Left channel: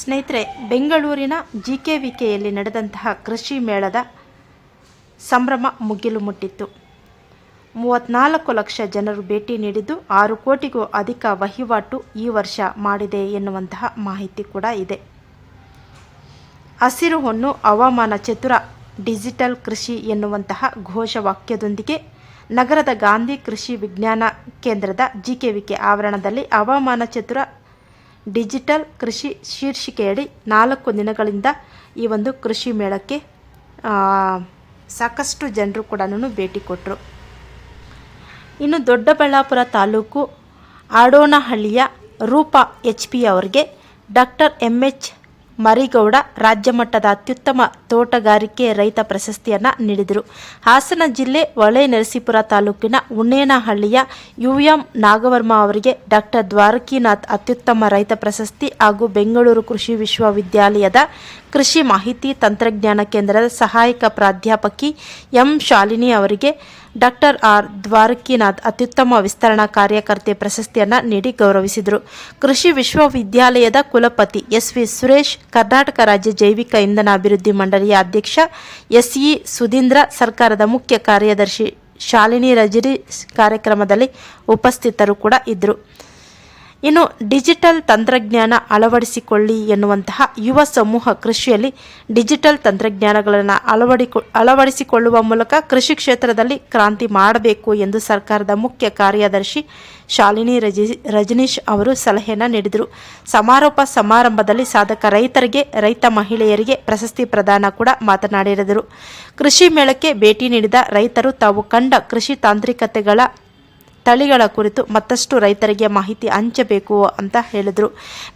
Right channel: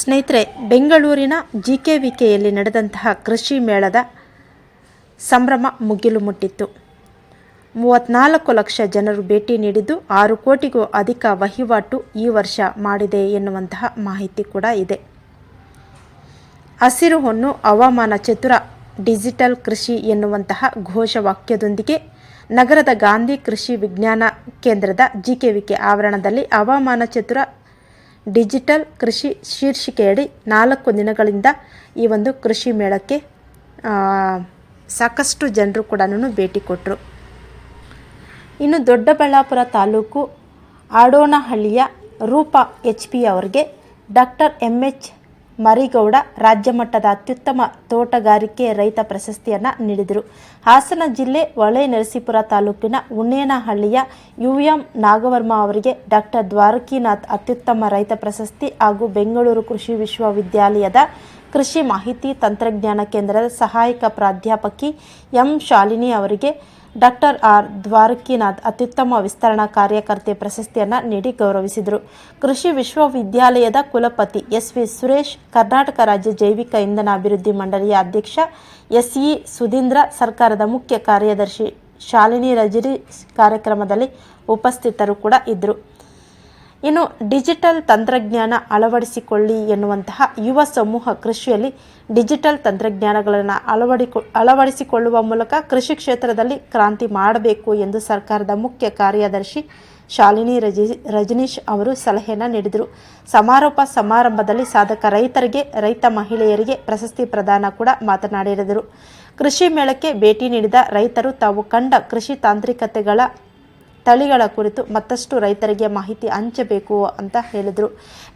ಸ್ನೇಹಿತರೆ, ಬೆಂಗಳೂರಿನ G K V ಕೆಯಲ್ಲಿ ನಡೆದಂತಹ ಕೃಷಿ ಮೇಳದ ಸಂಭ್ರಮ ಮುಗಿಲು ಮುಟ್ಟಿತ್ತು. ಮೂವತ್ತ್ನಾಲ್ಕು ಲಕ್ಷ ಜನರು ಭೇಟಿ ನೀಡಿದ್ದು, ಆರು ಕೋಟಿಗೂ ಅಧಿಕ ವಹಿವಾಟು ಈ ವರ್ಷ ಮಾಡಿದೆ ಎನ್ನುವಂತಹ ಮಾಹಿತಿ ಕೂಡ ಇದೆ. ಹಸಿರು ಹೊನ್ನು ಹವಾಮಾನ ಚತುರ ಡಿಜಿಟಲ್ ಕೃಷಿ ಎನ್ನುವಂತಹ ಘೋಷವಾಕ್ಯದೊಂದಿಗೆ ನಗರದ ಗಾಂಧಿ ಕೃಷಿ ವಿಜ್ಞಾನ ಕೇಂದ್ರದ ಜಿಕೆವಿಕೆ ಆವರಣದಲ್ಲಿ ಹವಾಮಾನ ಚತುರ ಡಿಜಿಟಲ್ ಕೃಷಿ ಶೀರ್ಷಿಕೆಯಡಿ ನಾಲ್ಕು ದಿನಗಳಿಂದ ಈ ಒಂದು ಕೃಷಿ ಮೇಳಕ್ಕೆ ಸಾಕಷ್ಟು ಜನರು ಕೂಡ ಭೇಟಿ ಕೊಟ್ಟರು ಇನ್ನು ದೊಡ್ಡಬಳ್ಳಾಪುರ ತಾಲೂಕು ಆಡೋನಹಳ್ಳಿಯ ರೂಪಾ ಎಚ್ ಪಿ ಅವರಿಗೆ ಡಾಕ್ಟರ್ ಎಂ ಎಚ್ ಮರಿಗೌಡ ರಾಜ್ಯ ಮಟ್ಟದ ಅತ್ಯುತ್ತಮ ತೋಟಗಾರಿಕೆ ರೈತ ಪ್ರಶಸ್ತಿಯನ್ನು ನೀಡಿದರು. ಹಾಸನ ಜಿಲ್ಲೆ ಹೊಳೆ ನರಸೀಪುರ ತಾಲೂಕಿನ ಉಣ್ಣೇನಹಳ್ಳಿಯ ಯು ಎಂ ನಾಗವರ್ಮ ಅವರಿಗೆ ಡಾಕ್ಟರ್ ದ್ವಾರಕಿನಾಥ್ ಅತ್ಯುತ್ತಮ ರೈತ ಪ್ರಶಸ್ತಿ ಹಾಗೂ ಬೆಂಗಳೂರು ಕೃಷಿ ವಿಶ್ವವಿದ್ಯಾಲಯದ ಕೃಷಿ ಮಾಹಿತಿ ತಂತ್ರಜ್ಞಾನ ಕೇಂದ್ರದ ಸಹಾಯಕ ಪ್ರಾಧ್ಯಾಪಕಿ ಎಂ ಶಾಲಿನಿ ಅವರಿಗೆ ಡಾಕ್ಟರ್ ಆರ್ ದ್ವಾರಕಿನಾಥ್ ಅತ್ಯುತ್ತಮ ವಿಸ್ತರಣಾ ಕಾರ್ಯಕರ್ತೆ ಪ್ರಶಸ್ತಿಯನ್ನು ನೀಡಿ ಗೌರವಿಸಿದರು. ಕೃಷಿ ವಿಶ್ವವಿದ್ಯಾಲಯದ ಕುಲಪತಿ ಎಸ್ ವಿ ಸುರೇಶ್, ಕರ್ನಾಟಕ ರಾಜ್ಯ ಜೈವಿಕ ಇಂಧನ ಅಭಿವೃದ್ಧಿ ಮಂಡಳಿಯ ಅಧ್ಯಕ್ಷ ಎಸ್ ಇ ಸುಧೀಂದ್ರ, ಸರ್ಕಾರದ ಮುಖ್ಯ ಕಾರ್ಯದರ್ಶಿ ಶಾಲಿನಿ ರಜರಿ ಕಾರ್ಯಕ್ರಮದಲ್ಲಿ ಉಪಸ್ಥಿತರು ಕೂಡ ಇದ್ದರು. ಇನ್ನು ಡಿಜಿಟಲ್ ತಂತ್ರಜ್ಞಾನ ಅಳವಡಿಸಿಕೊಳ್ಳಿ ಎನ್ನುವಂತಹ ಯುವ ಸಮೂಹ ಕೃಷಿಯಲ್ಲಿ ಡಿಜಿಟಲ್ ತಂತ್ರಜ್ಞಾನಗಳನ್ನು ಅಳವಡಿಕೊ, ಅಳವಡಿಸಿಕೊಳ್ಳುವ ಮೂಲಕ ಕೃಷಿ ಕ್ಷೇತ್ರದಲ್ಲಿ ಕ್ರಾಂತಿ ಮಾಡಬೇಕು ಎಂದು ಸರ್ಕಾರದ ಮುಖ್ಯ ಕಾರ್ಯದರ್ಶಿ ಶಾಲಿನಿ ರಜಿ, ರಜನೀಶ್ ಅವರು ಸಲಹೆಯನ್ನು ನೀಡಿದರು. ಸಮಾರೋಪ ಸಮಾರಂಭದಲ್ಲಿ ಸಾಧಕ ರೈತರಿಗೆ, ರೈತ ಮಹಿಳೆಯರಿಗೆ ಪ್ರಶಸ್ತಿ ಪ್ರದಾನ ಕೂಡ ಮಾತನಾಡಿದರು. ಕೃಷಿ ಮೇಳಕ್ಕೆ ಭೇಟಿ ನೀಡಿದ ರೈತರು ತಾವು ಕಂಡ ಕೃಷಿ ತಾಂತ್ರಿಕತೆಗಳ ತಳಿಗಳ ಕುರಿತು ಮತ್ತಷ್ಟು ರೈತರಿಗೆ ಮಾಹಿತಿ ಹಂಚಬೇಕು ಅಂತ ಹೇಳಿದರು.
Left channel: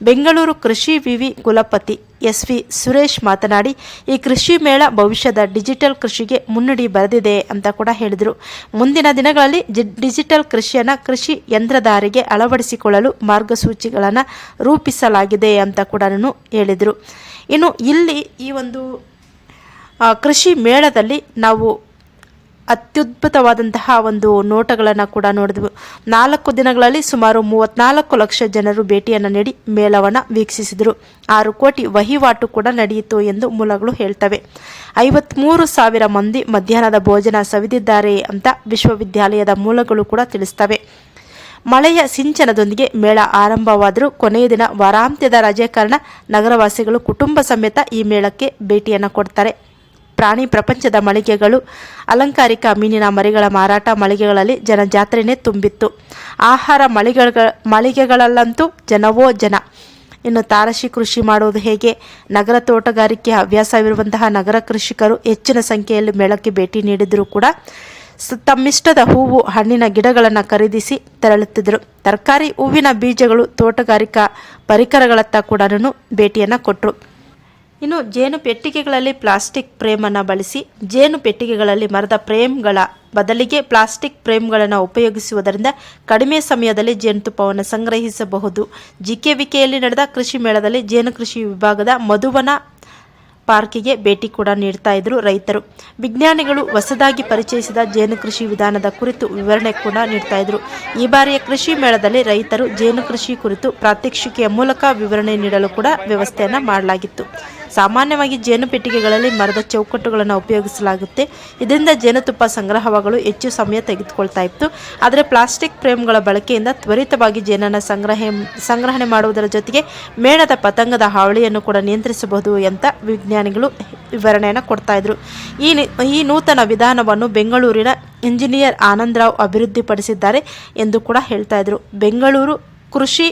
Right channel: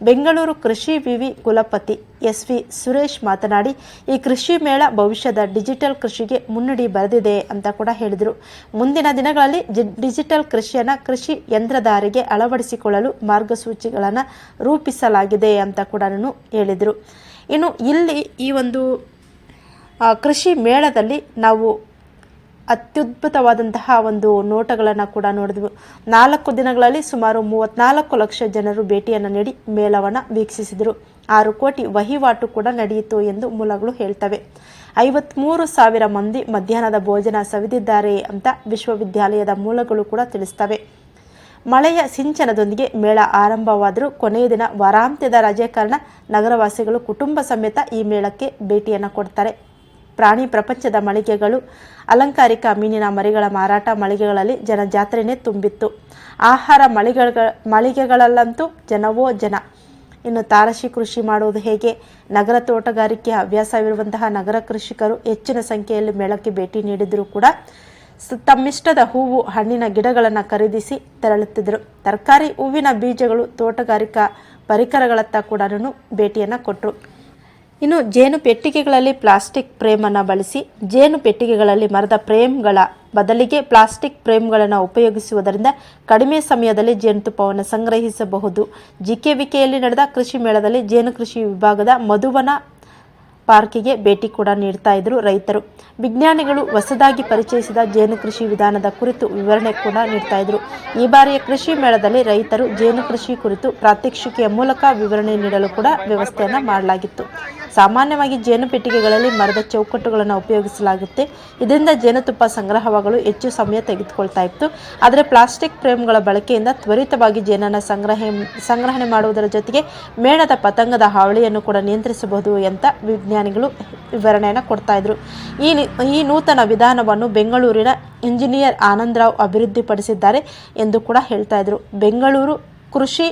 ಬೆಂಗಳೂರು ಕೃಷಿ ವಿವಿ ಕುಲಪತಿ ಎಸ್ ವಿ ಸುರೇಶ್ ಮಾತನಾಡಿ, ಈ ಕೃಷಿ ಮೇಳ ಭವಿಷ್ಯದ ಡಿಜಿಟಲ್ ಕೃಷಿಗೆ ಮುನ್ನುಡಿ ಬರೆದಿದೆ ಅಂತ ಕೂಡ ಹೇಳಿದರು. ಮುಂದಿನ ದಿನಗಳಲ್ಲಿ ಡಿಜಿಟಲ್ ಕೃಷಿಯನ್ನು ಕೃಷಿ ಯಂತ್ರಧಾರಿಗೆ ಅಳವಡಿಸಿಕೊಳ್ಳಲು ಮಾರ್ಗಸೂಚಿಗಳನ್ನು ರೂಪಿಸಲಾಗಿದೆ ಅಂತ ಕೂಡ ಹೇಳಿದರು. ಇನ್ನು ಇಲ್ಲಿ ಈ ಒಂದು ಕೃಷಿ ಮೇಳದಲ್ಲಿ ನಾವು ಅತ್ಯದ್ಭುತವಾದಂತಹ ಒಂದು ನೋಟಗಳನ್ನು ಕೂಡ ನೋಡಿದ್ವು. ನಾಲ್ಕು ದಿನಗಳಲ್ಲಿ ಸುಮಾರು ಮೂವತ್ನಾಲ್ಕು ಲಕ್ಷ ಜನರು ಭೇಟಿಯನ್ನು ನೀಡಿ ಮೇಳವನ್ನು ವೀಕ್ಷಿಸಿದರು. ಆರು ಕೋಟಿ ವಹಿವಾಟು ಕೂಡ ನಡೆಯಿತು ಎಂದು ಮೂಲಗಳು ಹೇಳ್ತವೆ. ಐವತ್ಮೂರು ಸಾವಿರ ಮಂದಿ ಮಧ್ಯಾಹ್ನದ ಭೋಜನ ಸವಿದಿದ್ದಾರೆ ಅಂತ ವಿಶ್ವವಿದ್ಯಾಲಯದ ಮೂಲಗಳು ಕೂಡ ತಿಳಿಸ್ತವೆ. ಮಳೆಯ ಸಿಂಚನದೊಂದಿಗೆ ಮೇಳ ಆರಂಭವಾದರೂ ಕೊನೆಯ ದಿನ ವಾರಾಂತ್ಯದ ರಜೆ ಕಾರಣ ನಗರವಾಸಿಗಳು ಕುಟುಂಬ ಸಮೇತ ಈ ಮೇಳಕ್ಕೆ ಭೇಟಿಯನ್ನು ಕೊಡ್ತಾರೆ. ಪ್ರಾಣಿ ಪ್ರಪಂಚದ ಮಳಿಗೆಗಳು, ಅಲಂಕಾರಿಕ ಮೀನಿನ ಮರಿಗಳ ಮಾರಾಟ ಮಳಿಗೆಗಳಲ್ಲಿ ಜನ ಜಾತ್ರೆನೇ ತುಂಬಿತ್ತು. ಆಹಾರ ಮಳಿಗೆಗಳ, ಮಳಿಗೆಗಳಲ್ಲಂತೂ ಜನವೋ ಜನ. ಇನ್ನು ತಾರಸಿ ಕೃಷಿ ಮಾಡುವುದು ಹೇಗೆ? ನಗರ ತೋಟಗಾರಿಕೆ ಹವ್ಯಾಸವಿರುವಂತಹ ನಗರ ಕೃಷಿಕರು ಹೆಚ್ಚಿನ ಸಂಖ್ಯೆಯಲ್ಲಿ ಮೇಳಕ್ಕೆ ಭೇಟಿ ನೀಡಿದರೂ ಕೂಡ ತಮ್ಮಿಷ್ಟದ ಹೂವು, ಹಣ್ಣಿನ ಗಿಡಗಳನ್ನು ಖರೀದಿಸಿ ತೆರಳುತ್ತಿದ್ದರು. ತರಕಾರಿ, ಹೂವಿನ ಬೀಜಗಳು ತೋಟಗಾರಿಕಾ ಪರಿಕರಗಳತ್ತ ಕೂಡ ಭೇಟಿಯನ್ನು ಕೊಟ್ಟರು ಇನ್ನು ಜೇನು ಪೆಟ್ಟಿಗೆಗಳಲ್ಲಿ ಪ್ಲಾಸ್ಟಿಕ್ ಫ್ರೇಮನ್ನು ಬಳಸಿ, ಜೇನು ಪೆಟ್ಟಿಗೆಗಳಲ್ಲಿ ಮರದ ಫ್ರೇಮ್ಗಳ ಬದಲಿಗೆ ಪ್ಲಾಸ್ಟಿಕ್ ಫ್ರೇಮ್ಗಳನ್ನು ಉಪಯೋಗಿಸುವುದರಿಂದ ಕಡಿಮೆ ಸಮಯದಲ್ಲಿ ಜೇನುತುಪ್ಪವನ್ನು ಸಂಗ್ರಹಿಸಬಹುದು. ಜಿಕೆವಿಕೆಯಲ್ಲಿ ನಡೆದ ಕೃಷಿ ಮೇಳದಲ್ಲಿ ಜೇನು ಕೃಷಿ ವಿಭಾಗದ ಮಧುವನ ಪಾರ್ಕಿಗೆ ಭೇಟಿ ಕೂಡ ನೀಡ್ತಾ ಇದ್ರು ರೈತರು. ವಿಜ್ಞಾನಿಗಳು ಹೊಸದಾಗಿ ಪರಿಚಯಿಸಿದ ಜೇನು ಕೃಷಿ ವಿಧಾನದ ಕುರಿತು ವಿವರಣೆ ಕೂಡ ನೀಡ್ತಾ ಇದ್ರು. ಈ ಬಾರಿಯ ಕೃಷಿ ಮೇಳದಲ್ಲಿ ರೈತರು ಜೇನು ಕೃಷಿ ಕುರಿತು ಪ್ರಾತ್ಯಕ್ಷಿಕೆಯ ಮೂಲಕ ವಿವರಣೆ ನೀಡಲು ಕೂಡ ವ್ಯವಸ್ಥೆಯನ್ನು ಮಾಡಲಾಗಿತ್ತು. ಸಾಮಾನ್ಯವಾಗಿ ಜೇನು ಪೆಟ್ಟಿಗೆಗಳಲ್ಲಿ ಮರದ ಚೌಕಟ್ಟುಗಳನ್ನು ಉಪಯೋಗಿಸಲಾಗುತ್ತೆ. ಇದರಿಂದ ಜೇನುತುಪ್ಪ ಸಂಗ್ರಹವಾಗಲು ಹೆಚ್ಚು ಸಮಯ ತೆಗೆದುಕೊಳ್ತಾ ಇತ್ತು. ಆದರೆ ಪ್ಲಾಸ್ಟಿಕ್ ಫ್ರೇಮ್ಗಳ ಬಳಕೆಯಿಂದ ತ್ವರಿತವಾಗಿ ಜೇನನ್ನು ಸಂಗ್ರಹ, ಸಂಗ್ರಹಣೆ ಮಾಡುವುದರ ಜೊತೆಗೆ ಮೇಣದ ಪತಂಗದ ಹಾವಳಿಯನ್ನು ಕೂಡ ನಿಯಂತ್ರಿಸಬಹುದು ಅಂತ ವಿಜ್ಞಾನಿಗಳು ವಿವರಣೆಯನ್ನು ಕೊಡ್ತಾ ಇದ್ರು. ಈ ಈ ನೂತನ ವಿಧಾನವನ್ನು ಬೆಂಗಳೂರಿನ ಇಂಜಿನಿಯರ್ ಆನಂದರಾವ್ ಅಭಿವೃದ್ಧಿಪಡಿಸಿದ್ದಾರೆ ಎಂದು ಕೂಡ ಹೇಳ್ತಾ ಇದ್ರು. ಬೆಂಗಳೂರು ಕೃಷಿ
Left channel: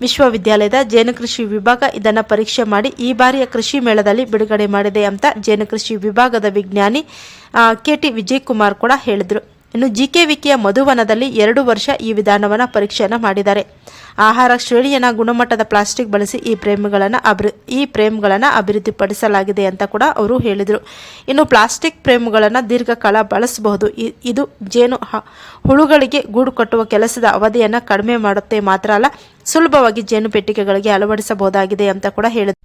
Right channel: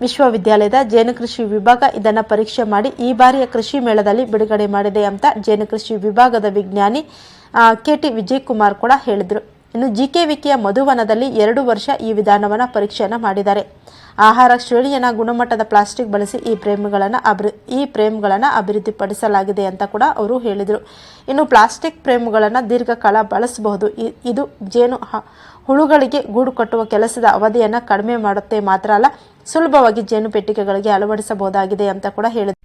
ವಿಶ್ವವಿದ್ಯಾಲಯದ ಜೇನು ಕೃಷಿ ವಿಭಾಗ ಇದನ್ನು ಪರೀಕ್ಷೆ ಮಾಡಿ ಈ ಬಾರಿಯ ಕೃಷಿ ಮೇಳದಲ್ಲಿ ಬಿಡುಗಡೆ ಮಾಡಿದೆ ಅಂತ ಜೇನು ಕೃಷಿ ವಿಭಾಗದ ವಿಜ್ಞಾನಿ ಕೆ ಟಿ ವಿಜಯ್ ಕುಮಾರ್ ಕೂಡ ಹೇಳಿದರು. ಇನ್ನು ಜಿಕೆವಿಕೆಯ ಮಧುವನದಲ್ಲಿ ಎರಡು ವರ್ಷ ಈ ವಿಧಾನವನ್ನು ಪರೀಕ್ಷೆಯನ್ನು ಮಾಡಿದ್ದಾರೆ. ಆಹಾರ ಶ್ರೇಣಿಯನ್ನು ಗುಣಮಟ್ಟದ ಪ್ಲಾಸ್ಟಿಕ್ ಬಳಸಿ ಈ ಫ್ರೇಮ್ಗಳನ್ನು ಅಭಿ ಈ ಪ್ರೇಮ್ಗಳನ್ನು ಅಭಿವೃದ್ಧಿಪಡಿಸಲಾಗಿದೆ ಅಂತ ಕೂಡ ಅವರು ಹೇಳಿದರು. ಇನ್ನು ಪ್ಲಾಸ್ಟಿಕ್ ಪ್ರೇಮ್ಗಳನ್ನು ದೀರ್ಘಕಾಲ ಬಳಸಬಹುದು. ಇದು ಜೇನು ಹುಳುಗಳಿಗೆ ಗೂಡು ಕಟ್ಟುವ ಕೆಲಸದ ಅವಧಿಯನ್ನು ಕಡಿಮೆ ಮಾಡುತ್ತೆ ಮಾತ್ರ ಅಲ್ಲ, ಸುಲಭವಾಗಿ ಜೇನು ಪೆಟ್ಟಿಗೆಗಳಿಗೆ ಅಳವಡಿಸಬಹುದಾಗಿದೆ ಅಂತ ಕೂಡ ಹೇಳಿದರು.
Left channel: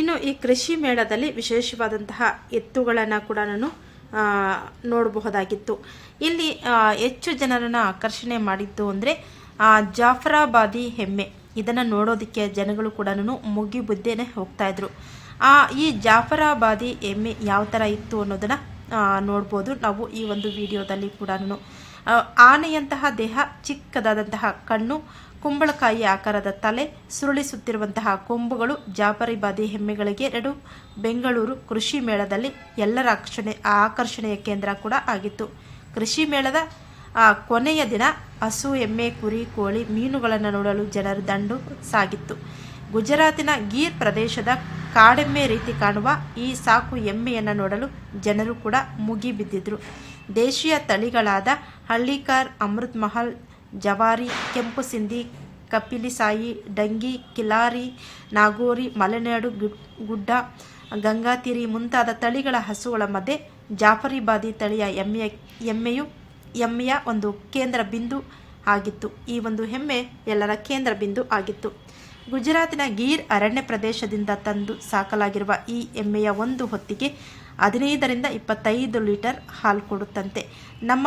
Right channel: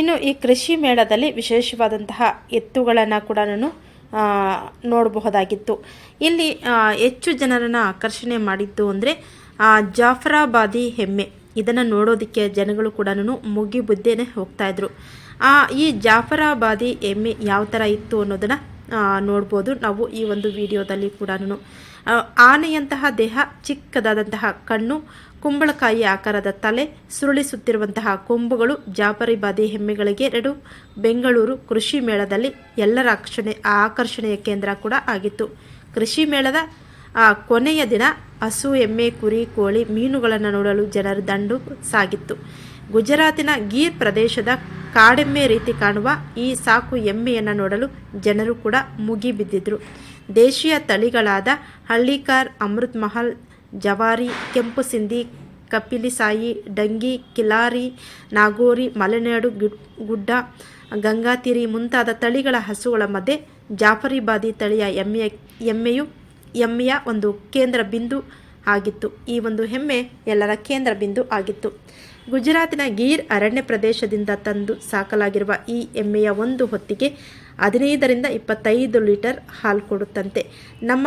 ಇನ್ನು ಈ ಕೃಷಿ ಮೇಳದಲ್ಲಿ ವಿಶೇಷವಾದಂತಹ ಎತ್ತುಗಳನ್ನು ಕೂಡ ನಾನು ನೋಡಬಹುದಾಗಿತ್ತು. ಇಲ್ಲಿ ಹೆಚ್ಚು ಜನರನ್ನು ಆಕರ್ಷಣೆ ಮಾಡಿದ್ದು ಅಂದರೆ ಜಾಫರಾಬಾದಿ ಹೆಮ್ಮೆ. ಇದನ್ನು ನೋಡೋದಕ್ಕೆ ಜನಗಳು ಕೂಡ ಮುಗಿಬುದ್ದೇನೆ ಹೋಗ್ತಾ ಇದ್ರು ಆ, ಈ ಜಾಫರಾಬಾದಿ ಎಮ್ಮೆ ಯಾವ ಥರ ಇತ್ತು ಅನ್ನೋದನ್ನು ನೋಡ್ಬೋದು ನಾವು ಈ ಒಂದು ವಿಡಿಯೋದಲ್ಲಿ ಕೂಡ ಆನೆಯಂತಹ ದೇಹ, ಚಿಕ್ಕದಾದಂತಹ ಕಣ್ಣು ಕುಂಬಳಕಾಯಿ ಆಕಾರದ ತಲೆ ಸುರುಳಿಸುತ್ತಿರುವಂತಹ ಕೊಂಬುಗಳು ಜಾಫರಿಬಾದಿ ಹೆಮ್ಮೆಗಳಿಗೆ ಎರಡು ಬೆಂಗಳೂರು ಕೃಷಿ ಮೇಳದಲ್ಲಿ ಎಲ್ಲರ ಆಕರ್ಷಣೆ ಆಕರ್ಷಣೆಯ ಕೇಂದ್ರ ಕೂಡ ಆಗಿತ್ತು. ಕೃಷಿ ಮೇಳದ ಆ, ಕೊನೆಯ ದಿನ ಹಸು ಎಮ್ಮೆ ಕುರಿ ಕೋಳಿ ಮೀನುಗಳನ್ನು ನೋಡಲು ಜನರು ದಂಡು ಸಾಗಿತ್ತು. ಗುಜರಾತಿನ ಗೀರ್ ಪ್ರದೇಶದ ಕಾಡೆಮ್ಮೆ ರೀತಿ ಕಾಣುವ ಈ ಸಾಕು ಎಮ್ಮೆಯನ್ನು ನೋಡಲು ಜನರು ಕೂಡ ಮುಗಿಬಿದ್ದಿದ್ರು. ದೇಶೀಯ ತಳಿಗಳಾದ ಹಳ್ಳಿಕಾರ್ ಅಮೃತ್ ಮಹಲ್ ಜವಾರಿ, ಕೆಂಪು ಸಿಂಧಿ ಕಪಿಲಿಸಾಯಿ ಡಂಗಿ, ಕಿಲಾರಿ, ನಾಗೋರಿ, ಮಲೆನಾಡು ಗುಡ್ಡ ಗಂಗಾತಿರಿ ಮುಂತಾದ ತಳಿಗಳ ಹಸುಗಳ ಮಧ್ಯೆ ಜಾಫರಿಬಾದಿ ತಳಿಯ ಎಮ್ಮೆಯ, ಎಮ್ಮೆಯು, ಎಮ್ಮೆಯ ಒಂದು ಕೇಂದ್ರ ಬಿಂದು ಆಗಿತ್ತು. ಈ ಒಂದು ಹೆಮ್ಮೆ ಎಲ್ಲರ ಕೇಂದ್ರ ಬಿಂದು ಆಗಿತ್ತು. ಗುಜರಾತಿನ ಗೀರ್ ಅರಣ್ಯ ಪ್ರದೇಶದಿಂದ ತಂದು ಸಾಕಲಾಗಿರುವ ಈ ಎಮ್ಮೆಯ ಒಂದು ಹೊತ್ತಿಗೆ ಹದಿನೈದರಿಂದ ಇಪ್ಪತ್ತೈದು ಲೀಟರ್ ಹಾಲು ಕೊಡುತ್ತಂತೆ. ನಮ್ಮ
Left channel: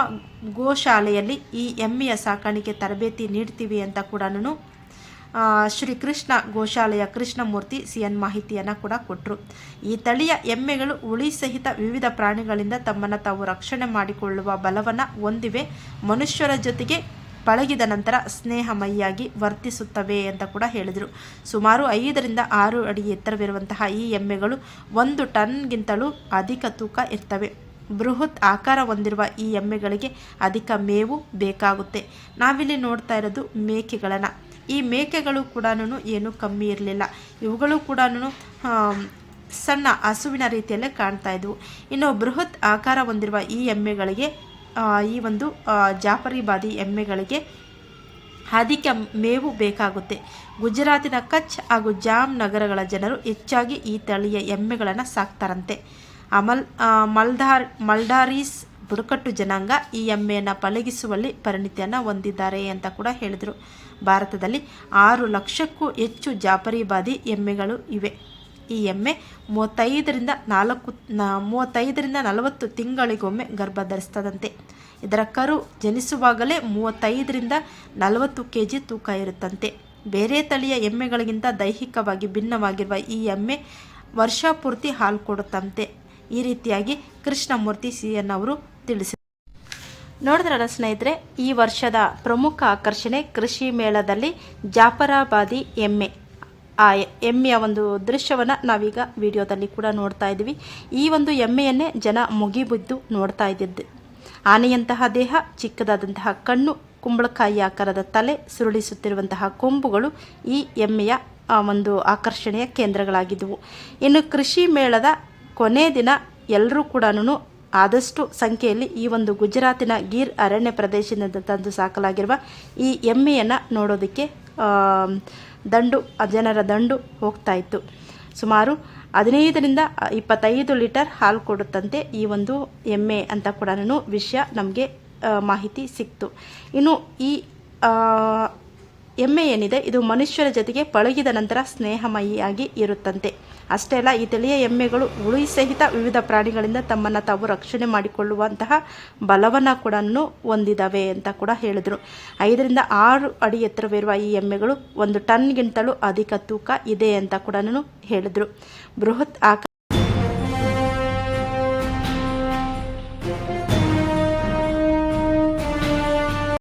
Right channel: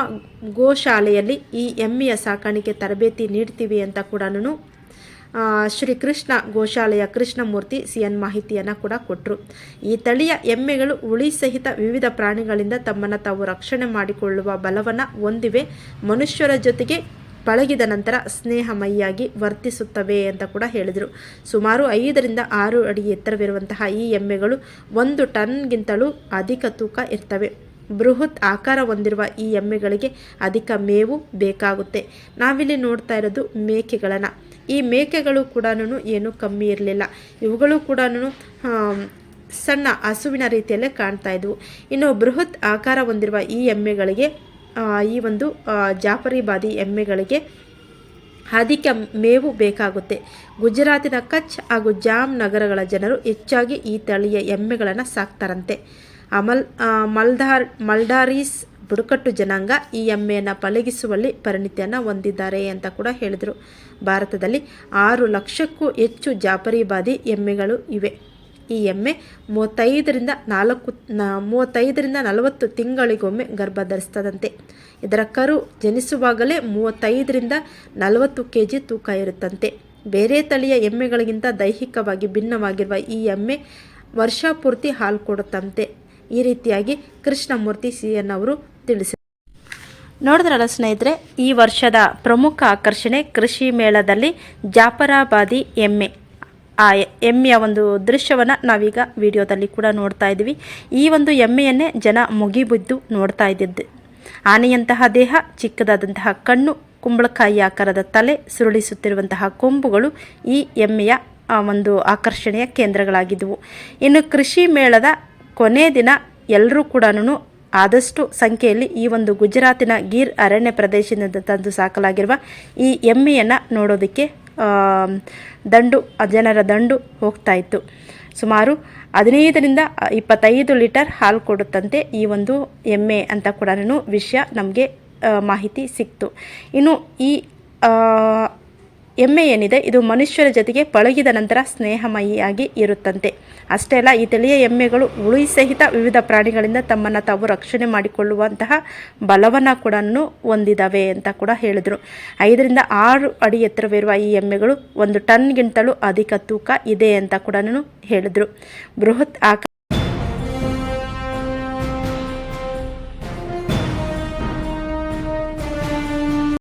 ಗೋಶಾಲೆಯಲ್ಲಿ ಈ ಎಮ್ಮೆಯ ಸಾಕಾಣಿಕೆ ತರಬೇತಿ ನೀಡ್ತೀವಿ ಅಂತ ಕೂಡ ಶ್ರೀ ಕೃಷ್ಣ ಗೋಶಾಲೆಯ ಕೃಷ್ಣಮೂರ್ತಿ ಸಿ ಎನ್ ಮಾಹಿತಿಯನ್ನು ಕೂಡ ಕೊಟ್ಟರು ಈ ತಳಿಯ ಎಮ್ಮೆಗಳು ಉಳಿ ಸಹಿತ ವಿವಿಧ ಪ್ರಾಣಿಗಳಿಂದ ತಮ್ಮನ್ನು ತಾವು ರಕ್ಷಣೆ ಮಾಡಿಕೊಳ್ಳುವ ಬಲವನ್ನು ಹೊಂದಿವೆ. ಮನುಷ್ಯರ ಜೊತೆಗೆ ಪಳಗಿದ ನಂತರ ಸ್ನೇಹಮಯಿಯಾಗಿ ವರ್ತಿಸುತ್ತವೆ ಅಂತ ಕೂಡ ಹೇಳಿದರು. ಸುಮಾರು ಐದರಿಂದ ಆರು ಅಡಿ ಎತ್ತರವಿರುವಂತಹ ಈ ಎಮ್ಮೆಗಳು ಒಂದು ಟನ್ಗಿಂತಲೂ ಅಧಿಕ ತೂಕ ಇರ್ತವೆ. ಬೃಹತ್ ಆಕಾರ ಹೊಂದಿರುವ ಈ ಎಮ್ಮೆಗಳಿಗೆ ಅಧಿಕ ಮೇವು ಬೇಕಾಗುತ್ತೆ. ನಾವಿಲ್ಲಿ ನೋಡ್ತಾ ಇರೋದು ಮೇಕೆಗಳನ್ನು. ಈ ಮೇಕೆಗಳು ಕೂಡ ಏನೂ ಕಮ್ಮಿ ಇರಲಿಲ್ಲ. ಇವುಗಳು ಕೂಡ ಸಣ್ಣ ಹಸುವಿನ ರೀತಿಯಲ್ಲೇ ಕಾಣ್ತಾ ಇದ್ವು. ಇನ್ನು ಬೃಹತ್ ಆಕಾರ ಹೊಂದಿರುವ ಈ ಎಮ್ಮೆಗಳಿಗೆ ಈ ಒಂದು ಜಾಫರಿ ಜಾಫರಿಬಾದಿ ಎಮ್ಮೆಗಳಿಗೆ ಅಧಿಕ ಮೇವು ಬೇಕಾಗುತ್ತೆ. ಗುಜರಾತಿನ ಕಚ್ ಹಾಗೂ ಜಾಮ್ ನಗರಗಳ ಜನರು ಹೆಚ್ಚಾಗಿ ಈ ತಳಿಯ ಎಮ್ಮೆಗಳನ್ನು ಸಾಕ್ತಾರಂತೆ. ಅಮಲ್ ಮಲ್ದಾರ್, ಮಲ್ಡಾರೀಸ್ ಬುಡಕಟ್ಟು ಜನಾಂಗ ಈ ಎಮ್ಮೆಯನ್ನು ಪಳಗಿಸುವಲ್ಲಿ ಪರಿಣಿತಿಯನ್ನು ಹೊಂದಿದ್ದಾರೆ ಅಂತ ಕೂಡ ಹೇಳಿದರು. ಭಾರತದಲ್ಲಿ ಆರು ಲಕ್ಷಕ್ಕೂ ಹೆಚ್ಚು ಜಾಫರಿಬಾದಿ ಎಮ್ಮೆಗಳು ಇವೆ. ಈ ಎಮ್ಮೆ ಮೂವತ್ತೈದರಿಂದ ನಾಲ್ಕು ಮೂವತ್ತೈದರಿಂದ ನಲವತ್ತು ತಿಂಗಳಿಗೊಮ್ಮೆ ಗರ್ಭ ಧರಿಸ್ತದಂತೆ ಇದರ ಕರು ಜನಿಸುವಾಗಲೇ ಮೂವತ್ತೈದರಿಂದ ನಲವತ್ತು ಕೆ ಜಿ ತೂಕ ಇರುತ್ತಂತೆ. ಬೇರೆ ತಳಿಯ ಎಮ್ಮೆಗಳಿಗಿಂತ ದೈಹಿಕವಾಗಿ ಭಿನ್ನವಾಗಿರುವ ಈ ಎಮ್ಮೆ ವರ್ಷಪೂರ್ತಿ ಹಾಲು ಕೊಡುತ್ತಂತೆ. ಈ ರೀತಿಯಾಗಿ ಕೃಷ್ಣಮೂರ್ತಿ ಸಿ ಎನ್ ಅವರು ತಿಳಿಸಿದರು ನೋಡಿದ್ರಲ್ಲ ಸ್ನೇಹಿತರೆ, ಈ ವರ್ಷದ ಪ್ರಮುಖ ಆಕರ್ಷಣೆ ಕೃಷಿ ಮೇಳದಲ್ಲಿ ಜಾಫರಾಬಾದಿ ಎಮ್ಮೆ. ಆ ಎಮ್ಮೆಯ ಒಂದು ದೃಶ್ಯವನ್ನು ನಾವೀಗ ವಿಡಿಯೋದಲ್ಲಿ ಕೂಡ ನೋಡ್ತಾ ಇದ್ದೀವಿ. ಈ ಒಂದು ಎಮ್ಮೆಯನ್ನೇ ಜನ ಮುಗಿಬಿದ್ದು ನೋಡ್ತಾ ಇದ್ದಿದ್ದು. ಆನೆಯಂತಹ ದೇಹ, ಚಿಕ್ಕದಾದಂತಹ ಕಣ್ಣು, ಕುಂಬಳಕಾಯಿ ಆಕಾರದ ತಲೆ, ಸುರುಳಿಸುತ್ತಿರುವಂತಹ ಕೊಂಬುಗಳು ಈ ಎಮ್ಮೆಯ ಒಂದು ಆಕರ್ಷಣೆಯ ಕೇಂದ್ರಗಳಾಗಿದ್ದವು ಇನ್ನು ಕೃಷಿ ಮೇಳದ ಕೊನೆ ದಿನ ಎಲ್ಲರೂ ಕೂಡ ಆದಷ್ಟು ಸಂಖ್ಯೆಯಲ್ಲಿ ಈ ಒಂದು ಗುಜರಾತಿನ ಗೀರ್ ಅರಣ್ಯ ಪ್ರದೇಶದಿಂದ ತಂದು ಸಾಕಲಾಗಿರುವ ಈ ಎಮ್ಮೆಯನ್ನು ನೋಡೋದಕ್ಕೆ ದಂಡು, ಜನರ ದಂಡು ಹೋಗ್ತಾ ಇತ್ತು. ಸುಮಾರು ಹದಿನೈದರಿಂದ ಇಪ್ಪತ್ತೈದು ಲೀಟರ್ ಹಾಲು ಕೊಡುತ್ತಂತೆ ಈ ಒಂದು ಎಮ್ಮೆ ಅಂತ ಕೂಡ ವಿಷಯ ನಮಗೆ ಮಾಹಿತಿ ಸಿಕ್ತು. ಇನ್ನು ಈ ಎಮ್ಮೆ ಏನಿದೆ, ಇದು ಮನುಷ್ಯರ ಜೊತೆಗೆ ಪಳಗಿದ ನಂತರ ಸ್ನೇಹಮಯಿಯಾಗಿ ಇರುತ್ತಂತೆ. ಅಷ್ಟೇ ಅಲ್ಲ, ಈ ತಳಿಯ ಎಮ್ಮೆಗಳು ಉಳಿ ಸಹಿತ ವಿವಿಧ ಪ್ರಾಣಿಗಳಿಂದ ತಮ್ಮನ್ನು ತಾವು ರಕ್ಷಣೆ ಮಾಡಿಕೊಳ್ಳುವಂತಹ ಬಲವನ್ನು ಕೂಡ ಹೊಂದಿದ್ದಾವೆ ಅಂತ ಕೂಡ ಹೇಳಿದರು. ಐದರಿಂದ ಆರು ಅಡಿ ಎತ್ತರವಿರುವ ಈ ಎಮ್ಮೆಗಳು ಒಂದು ಟನ್ಗಿಂತಲೂ ಅಧಿಕ ತೂಕ ಇದೆ ಅಂತ ಕೂಡ ಹೇಳಿದರು. ಬೃಹತ್ ಆಕಾರ